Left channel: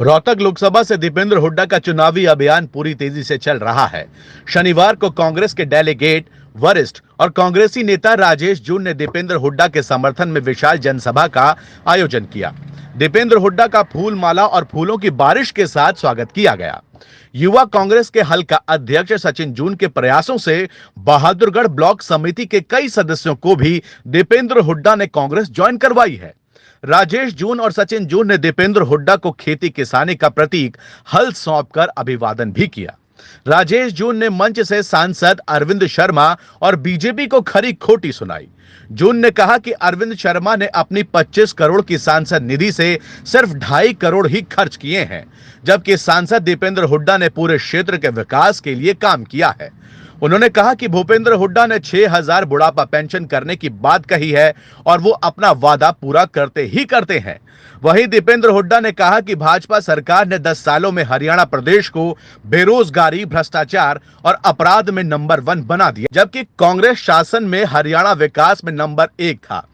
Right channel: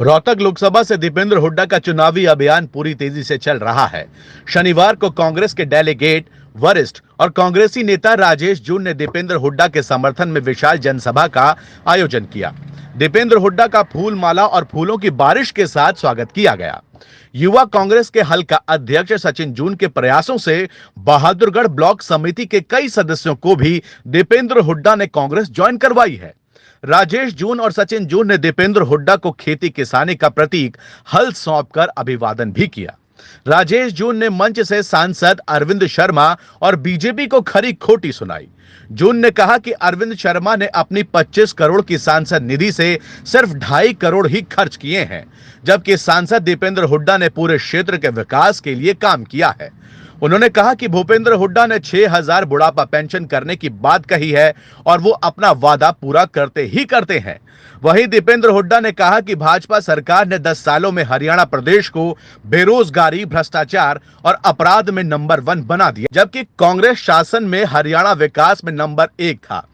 रोहतक लोकसभा से दीपेंद्र हुड्डा का चुनावी अभियान पूरी तेजी से चल रहा है। शनिवार को कांग्रेस के डेलीगेट, वरिष्ठ और कांग्रेसी नेता राजेश जून ने दीपेंद्र हुड्डा के समर्थन में विशाल जनसभा का आयोजन किया। दीपेंद्र हुड्डा का फूल माला और फूलों की बारिश के साथ स्वागत किया गया। युवा कांग्रेस के हल्का अध्यक्ष सचिन जून के प्रयासों से बहादुरगढ़ ब्लॉक समिति के कई सदस्यों को भी दीपेंद्र हुड्डा ने कांग्रेस ज्वाइन करवाई है। राजेश जून और सचिन जून ने दीपेंद्र हुड्डा को खेती किसानी का प्रतीक हल सौंपकर अभिवादन भी किया। राजेश जून ने मंच से सांसद अरविंद शर्मा और बीजेपी को खरी खोटी सुनाई। जून ने कहा कि अरविंद शर्मा ने अपनी 25 करोड़ की सांसद निधि से सिर्फ 2.5 करोड़ ही खर्च किए हैं, जबकि सांसद दीपेंद्र हुड्डा ने पूरे क्षेत्र के विकास के लिए काम किया है। उन्होंने कहा कि भूपेंद्र हुड्डा ने 6,000 बुढ़ापा पेंशन करने की बात कही है और वो अपना वादा पूरा करते ही करते हैं। वहीं दीपेंद्र हुड्डा ने कहा कि भाजपा सरकार ने 10 सालों में हरियाणा प्रदेश को बेरोजगारी, भ्रष्टाचार और अपराध में नंबर 1 बना दिया, जबकि कांग्रेस शासन में हरियाणा विकास में नंबर 1 था।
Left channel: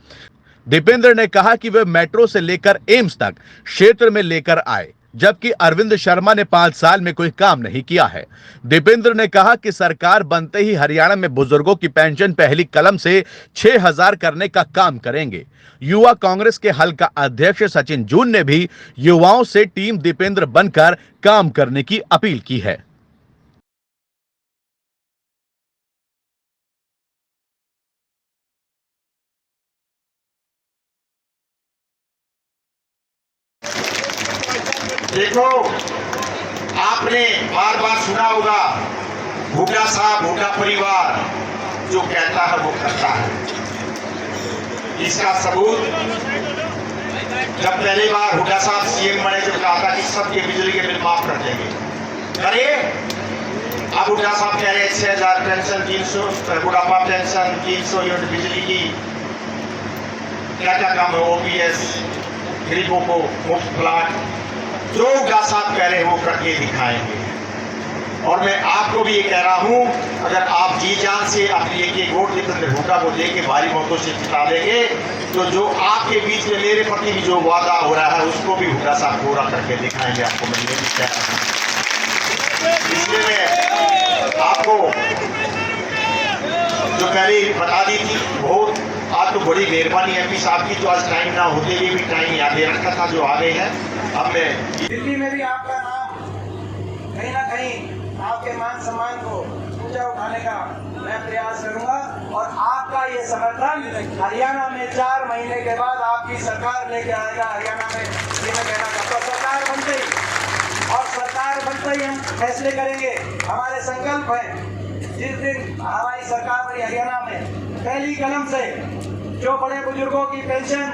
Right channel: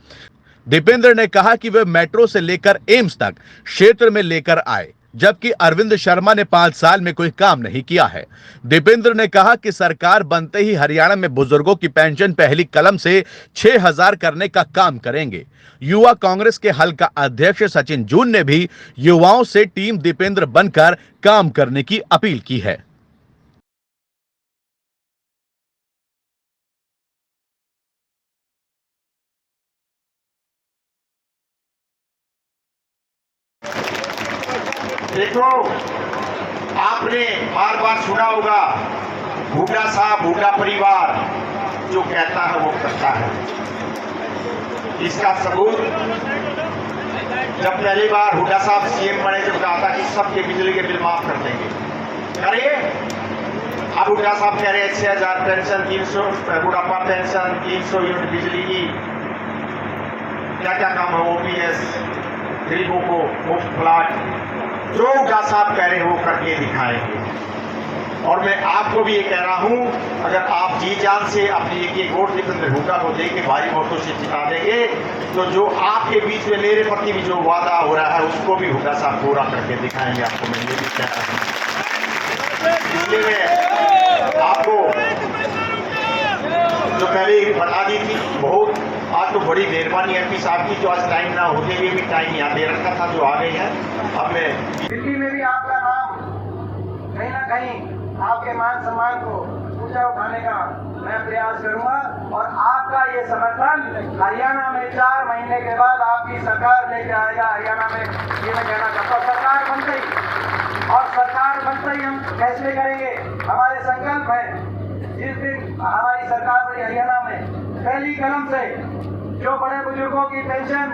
दीपेंद्र ने कहा कि वे मेट्रो से लेकर एम्स तक क्षेत्र में लेकर आए, जबकि अरविंद शर्मा ने 5 साल में कोई काम नहीं किया है। दीपेंद्र ने कहा कि सरकार बनते ही हरियाणा में बुजुर्गों की पेंशन पहली कलम से 6,000 करने का काम करेंगे। युवा कांग्रेस के हल्का अध्यक्ष सचिन जून ने भी युवाओं से टीम दीपेंद्र बनकर काम करने की अपील की है। देखो, आपने बार बार सुना होगा, हुड्डा साहब, हुड्डा परिवार जो कहता है वो करता है। इसका सबूत जब पहली बार हुड्डा साहब सीएम बने थे, कहा था कि सबके बिजली के बिल माफ कर देंगे। अरे अब हुड्डा साहब कह रहे हैं 6,000 पेंशन, 300 बुढ़ापा पेंशन, 300 यूनिट बिजली की, क्या क्या काम है, ओपीएस, गरीबों को मुफ्त प्लाट, जो हुड्डा साहब कह रहे हैं वो करके दिखाएंगे। और मैं आपको भी ये कह रहा हूं, अगर आप जी जान से अपनी एक वोट दीपेंद्र हुड्डा को लेके भारी वोटों से जिता देंगे, तो जो आपके बीच में मेरे प्रति भी जो वादा हो रहा है उसको भी हुड्डा साहब पूरा करके दिखाएंगे। आपको मिलने भी तैयार, इसलिए मैं आपको जो पहले बता दी थी, बहुत आज तो बड़ी मेहरबानी एमपी साहब की, जो आज टाइम ना होते हुए भी टाइम याद दे रखा था, जो आ गए हैं। अब मैं दिल्ली में भी आपका नाम कहीं ना कहीं आपके मान सम्मान को ऊंचा उठाने का मैं प्रयास करूंगा, और आपका ये समर्थन हरियाणा में 4 महीने के बाद आपकी सरकार लेके आएगा। हरियाणा में ये मैं कहना चाहता हूँ, सरकार बनते ही, और सरकार बनते ही हम फैसले करेंगे। हमारे संकल्प है, जिस दिन हमारी सरकार बनी हरियाणा में, पहली कलम से जो बड़े बुजुर्गों की पेंशन,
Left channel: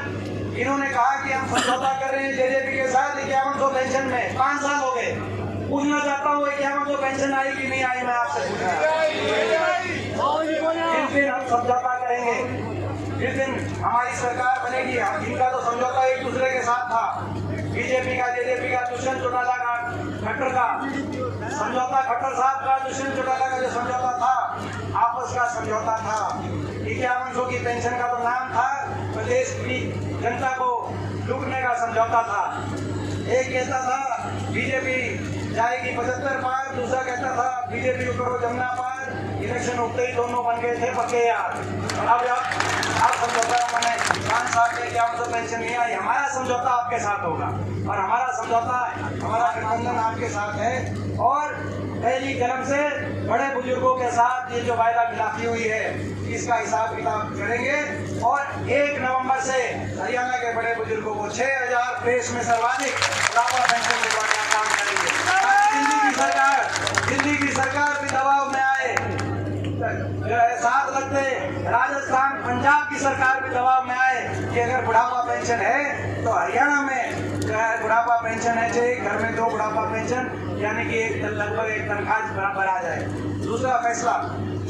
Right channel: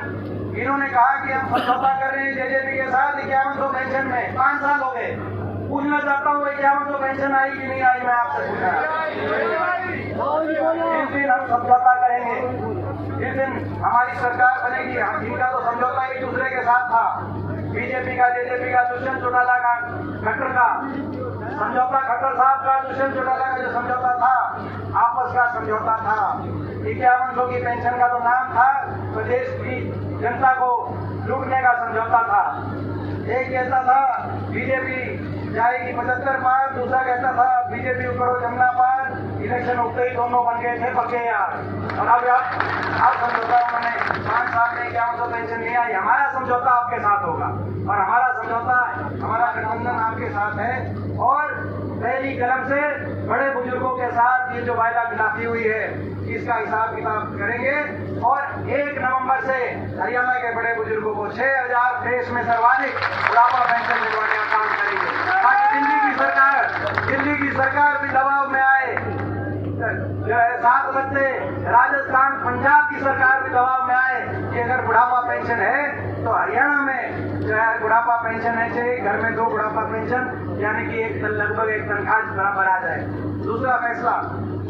इन्होंने कहा कि हम समझौता कर रहे हैं जेजेपी के साथ 5100 पेंशन में, 5 साल हो गए। पूछना चाहता हूँ 5100 पेंशन आई कि नहीं आई, मैं आपसे पूछा। जिस दिन हम समझौता करेंगे, जिस दिन हमारी सरकार बनेगी, इनका तो समझौता एक दूसरे के साथ था, बीजेपी का, जेजेपी का, दुष्यंत चौटाला का, खट्टर का समझौता, खट्टर साहब का, दुष्यंत चौटाला का जो समझौता था, आपस का समझौता था। 5100 की पेंशन का तो नाम था, प्रदेश की जनता को लूटने का समझौता था। एक कहता था बीजेपी जाएगी 75 पार, दूसरा कहता था बीजेपी करो जमुना पार। इलेक्शन उठते ही दोनों बन गए थे पक्के यार। और अब आप समझौता मैंने 5 साल में 5100 पेंशन नहीं आई। हमारा समझौता आपके साथ होगा, और हमारा समझौता, हमारा गठबंधन आपके साथ है। और पहली कलम से बड़े बुजुर्गों के साथ ये जो वायदा खिलाफी हुई है, इसका हिसाब किताब करेंगे। और 1 नवंबर से हरियाणा के बड़े बुजुर्गों को 6,000 देश में सर्वाधिक बुढ़ापा पेंशन दिलवाने का काम करेंगे। दिल्ली की सरकार भी दबाव में आए, जो है साथ लगते, राजस्थान, पंजाब की सरकार भी दबाव में आए कि अगर बुढ़ापा पेंशन है तो हरियाणा में जो है बुढ़ापा पेंशन है, चाहिए घर में 2 बुढ़ापा पेंशन, यानी कि लगभग 1 तनख्वाह बराबर आ जाए। दूसरा फैसला,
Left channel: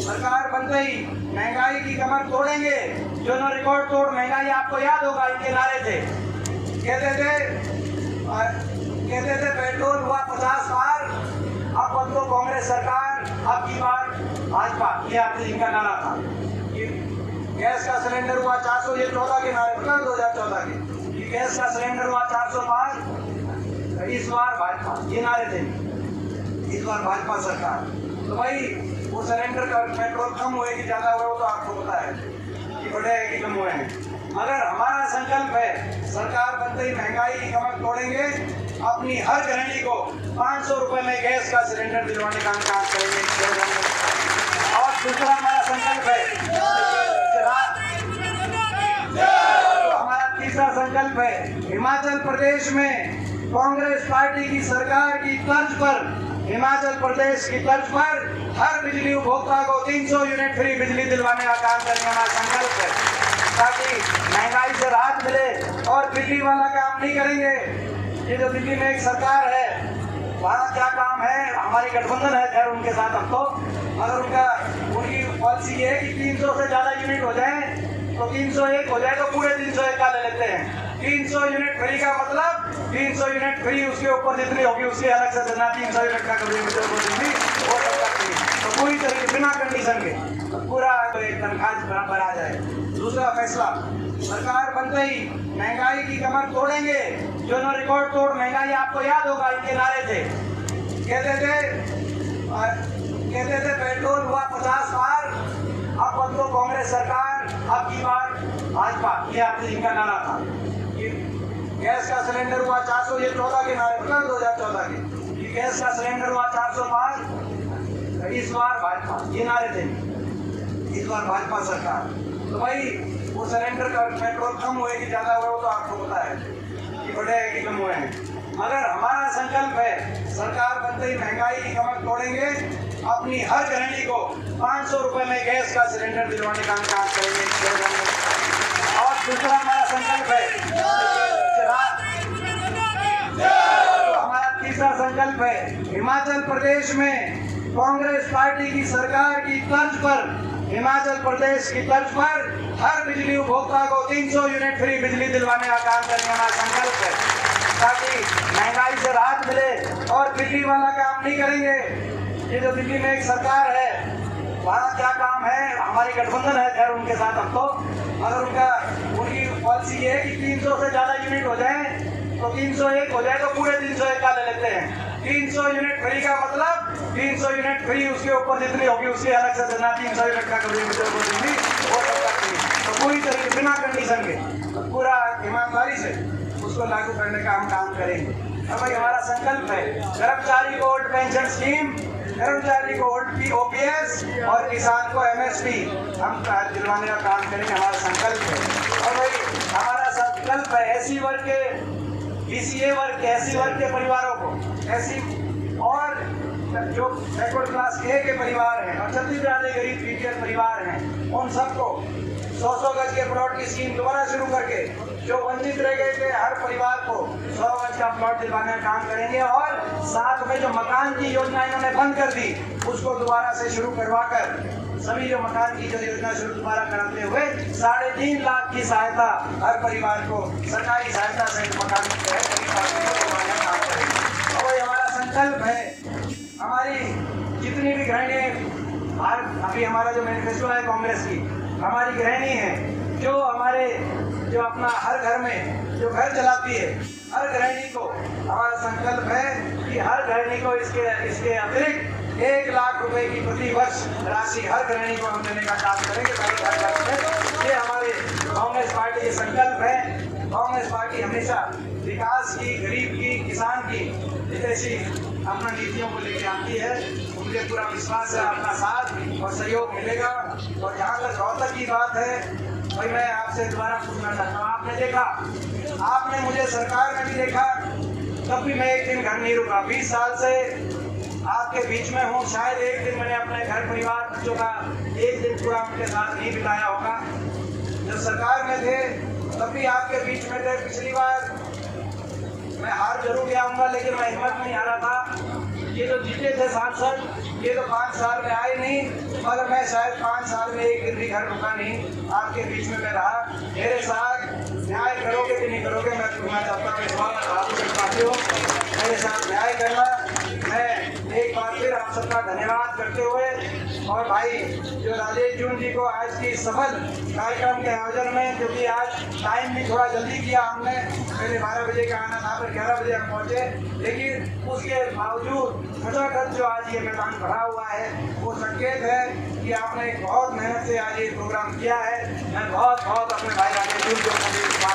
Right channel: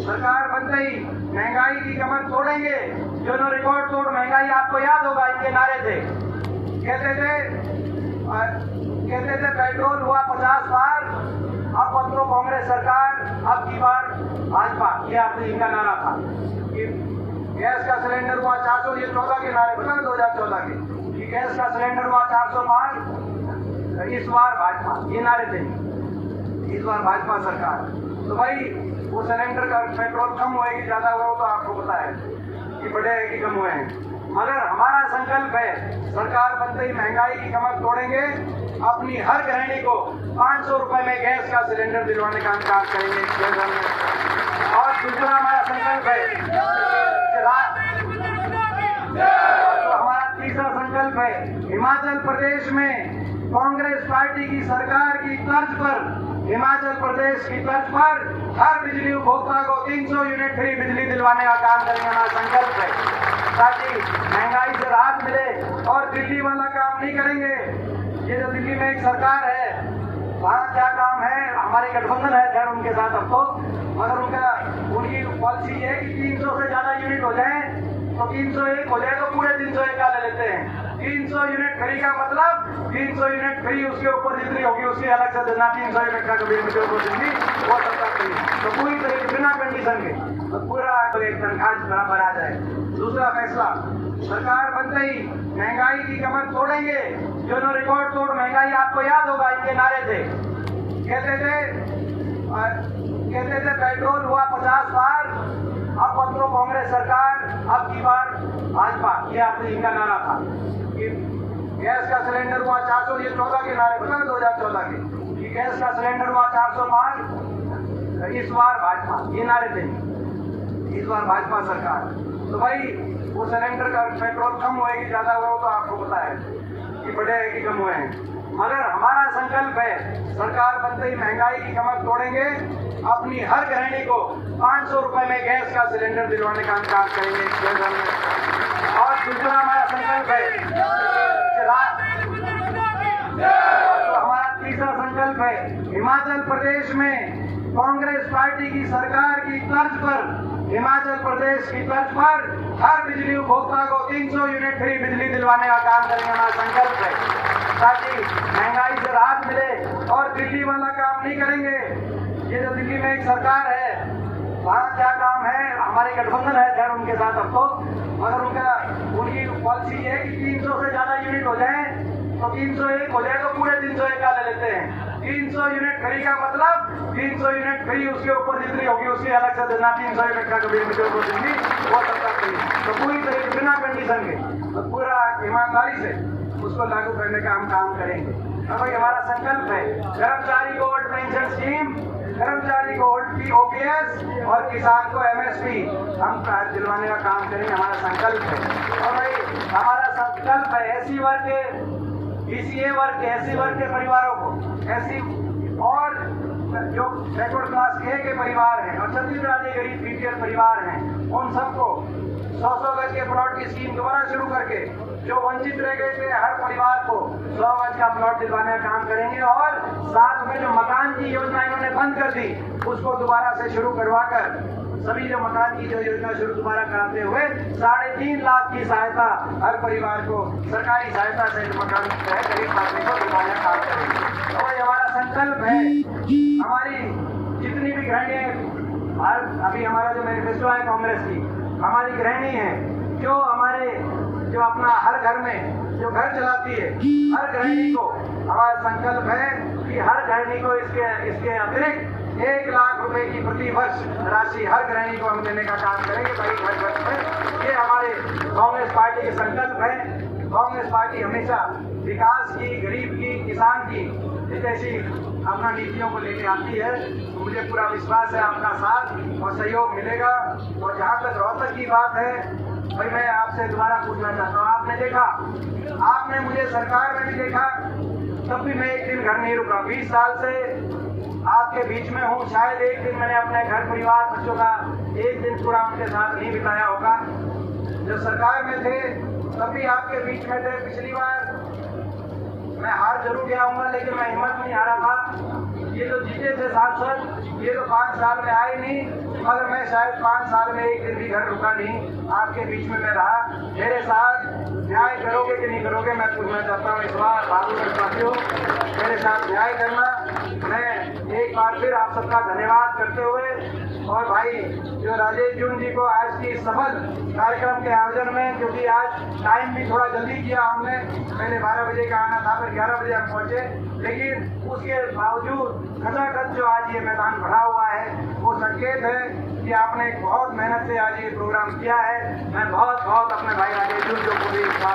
सरकार बनते ही महंगाई की कमर तोड़ेंगे। जो ना रिकॉर्ड तोड़ महंगाई, आपको याद होगा इनके नारे थे, कहते थे पेट्रोल हुआ 50 बार, अब तो कांग्रेस सरकार, अब की बार भाजपा, ये आपने इनका नारा था। ये गैस का सिलेंडर हुआ 400, ये 14 के नारे बता 2014 के, गैस का सिलेंडर हुआ 405, इस बार भाजपा, ये नारे थे, इस बार भाजपा सरकार। तो भाई वो सिलेंडर का पेट्रोल कम हुए कि ज्यादा हुआ, वो तो आपको पता है कि बढ़े हैं कि कम हुए हैं। मगर हमारा संकल्प है, सरकार बनते ही महंगाई की कमर तोड़ेंगे, अपनी हर गृहिणी को 500 रुपए में गैस का सिलेंडर दिलवाने का हम काम करेंगे। और दूसरा हमारा संकल्प है, हमारा तीसरा संकल्प है, हिमाचल प्रदेश में कांग्रेस पार्टी की सरकार की तर्ज पर, हिमाचल प्रदेश की तर्ज पर हर बिजली उपभोक्ता को 300 यूनिट फ्री बिजली दिलवाने का काम करने हमारा संकल्प है, ताकि महंगाई से राहत मिले। और दिल्ली वाला काम नहीं करेंगे। ये जो दिल्ली में एक सरकार है, वहाँ क्या काम है, हमारे गठबंधन है खैर उनके साथ अब तो, मगर उनकी पॉलिसी ये है कि 300 से ज्यादा यूनिट हो जाए तो 301 हो जाए तो पूरे 301 का ले लेते हैं। 300 यूनिट फ्री का मतलब 300 यूनिट फ्री, उसके ऊपर जितनी होगी उसकी अलग से देना। 300 यूनिट का कभी जो देंगी वो सरकार देगी, तो पूरी तरह बिना कंडीशन के तो पूरा एक तनख्वाह बराबर आ जाए। दूसरा फैसला, सरकार बनते ही महंगाई की कमर तोड़ेंगे। जो ना रिकॉर्ड तोड़ महंगाई, आपको याद होगा इनके नारे थे, कहते थे पेट्रोल हुआ 50 बार, अब तो कांग्रेस सरकार, अब की बार भाजपा, ये आपने इनका नारा था। ये गैस का सिलेंडर हुआ 400, ये 14 के नारे बता 2014 के, ये गैस का सिलेंडर हुआ 405, इस बार भाजपा, ये नारे थे, इस बार भाजपा सरकार। तो भाई वो सिलेंडर का पेट्रोल कम हुए कि ज्यादा हुआ, वो तो आपको पता है कि बढ़े हैं कि कम हुए हैं। मगर हमारा संकल्प है, सरकार बनते ही महंगाई की कमर तोड़ेंगे, अपनी हर गृहिणी को 500 रुपए में गैस का सिलेंडर दिलवाने का हम काम करेंगे। और दूसरा हमारा संकल्प है, हमारा तीसरा संकल्प है, हिमाचल प्रदेश में कांग्रेस पार्टी की सरकार की तर्ज पर, हिमाचल प्रदेश की तर्ज पर हर बिजली उपभोक्ता को 300 यूनिट फ्री बिजली दिलवाने का काम करने हमारा संकल्प है, ताकि महंगाई से राहत मिले। और दिल्ली वाला काम नहीं करेंगे। ये जो दिल्ली में एक सरकार है, वहाँ क्या काम है, हमारे गठबंधन है खैर उनके साथ अब तो, मगर उनकी पॉलिसी ये है कि 300 से ज्यादा यूनिट हो जाए तो 301 हो जाए तो पूरे 301 का ले लेते हैं। 300 यूनिट फ्री का मतलब 300 यूनिट फ्री, उसके ऊपर जितनी होगी उसकी अलग से देना। 300 यूनिट का कभी जो देंगी वो सरकार देगी, तो पूरी तरह बिना कंडीशन के तो पूरा ईमानदारी से उसको लागू करने का हम काम करेंगे। अब हमारा संकल्प है, कर्मचारी को ओल्ड पेंशन स्कीम, कर्मचारी को ओल्ड ओपीएस और किसान को एमएसपी हम दिलवाने का काम करेंगे, हमारा संकल्प है। और भाई हमारा संकल्प है, एससी वर्ग के, बीसीए वर्ग के, एससी वर्ग के परिवारों को, एससी और जो बैकवर्ड क्लास ए के परिवार हैं और छत्तीसगढ़ के गरीब बीपीएल परिवार हैं, उन सबको 100 गज के प्लॉट की स्कीम दोबारा शुरू करके जो वंचित रह गए थे हर परिवार को 100 गज का प्लॉट दिलवाने का काम करेंगे। और साथ में जो मकान की योजना इन्होंने बंद कर दी, उसको दोबारा से शुरू करवाकर सभी जो मकान की जो योजना शुरू दोबारा कराते हुए 3.5 लाख की सहायता हर परिवार को सरकारी सहायता से मकान गरीब आदमी को दिलवाने का काम करेंगे। और हमारा संकल्प है, हमारी जितनी भी गृहिणी, अभी हमारा जो मैनिफेस्टो है कांग्रेस की, हमारी गृहिणी है जो अपना हर घर में जो घर चलाती है, हर गृहिणी को हमारा संकल्प है कि हर गृहिणी को इसके अतिरिक्त 1 लाख रुपए की प्रति वर्ष राशि हर गृहिणी को हम देने का काम करेंगे भाई घर में। ये हमारे कांग्रेस पार्टी के संकल्प है। कांग्रेस पार्टी हमेशा विकास की, गरीब की, किसान की जैसी अपना नीतियों को लेकर आती है। तो मुझे पूरा विश्वास है आपका साथ और सहयोग मिलेगा। और जहाँ तक रोहतक की बात है, भाई मैं आपसे दोबारा पूछना चाहता हूँ, आपने देखा, आपने मुझे सरकार में भी देखा, तब भी मैं एक दिन घर नहीं रुका। 20 साल से आपके बीच में हूँ, शायद एक दिन मैंने अपने घर परिवार बच्चों का एक दिन पूरा उनके साथ नहीं बिताया होगा। जब सरकार में थे तब भी आपके बीच में थे। पिछली बार मैं हार जरूर गया हूँगा, लेकिन मैं हिम्मत नहीं हारा था। ये जो जीते थे सांसद, ये तो 5 साल में आए नहीं, मगर मैं शायद 5 साल में एक दिन भी घर रुका नहीं, आपके बीच में मैं रहा। मेरे साथ न्याय करोगे कि नहीं करोगे, मैं पूछना चाहता हूँ। इस बार आप मेरे साथ न्याय करना। मैं एक बार फिर आप सबका धन्यवाद करते हुए, और भाई जो राजेश जून जी को आज की सफल कार्यक्रम के आयोजन में, क्योंकि आज टाइम भी थोड़ा जल्दी किया हमने, पहले 12 बजे का आना था, फिर 11 बजे हम पहुंचे, लेकिन उसके बावजूद खचाखच जो आज ये मैदान भरा हुआ है वो संकेत है कि आपने बहुत मेहनत से आज ये प्रोग्राम किया है। मैं बहुत बहुत अपने भाई राजेश जून को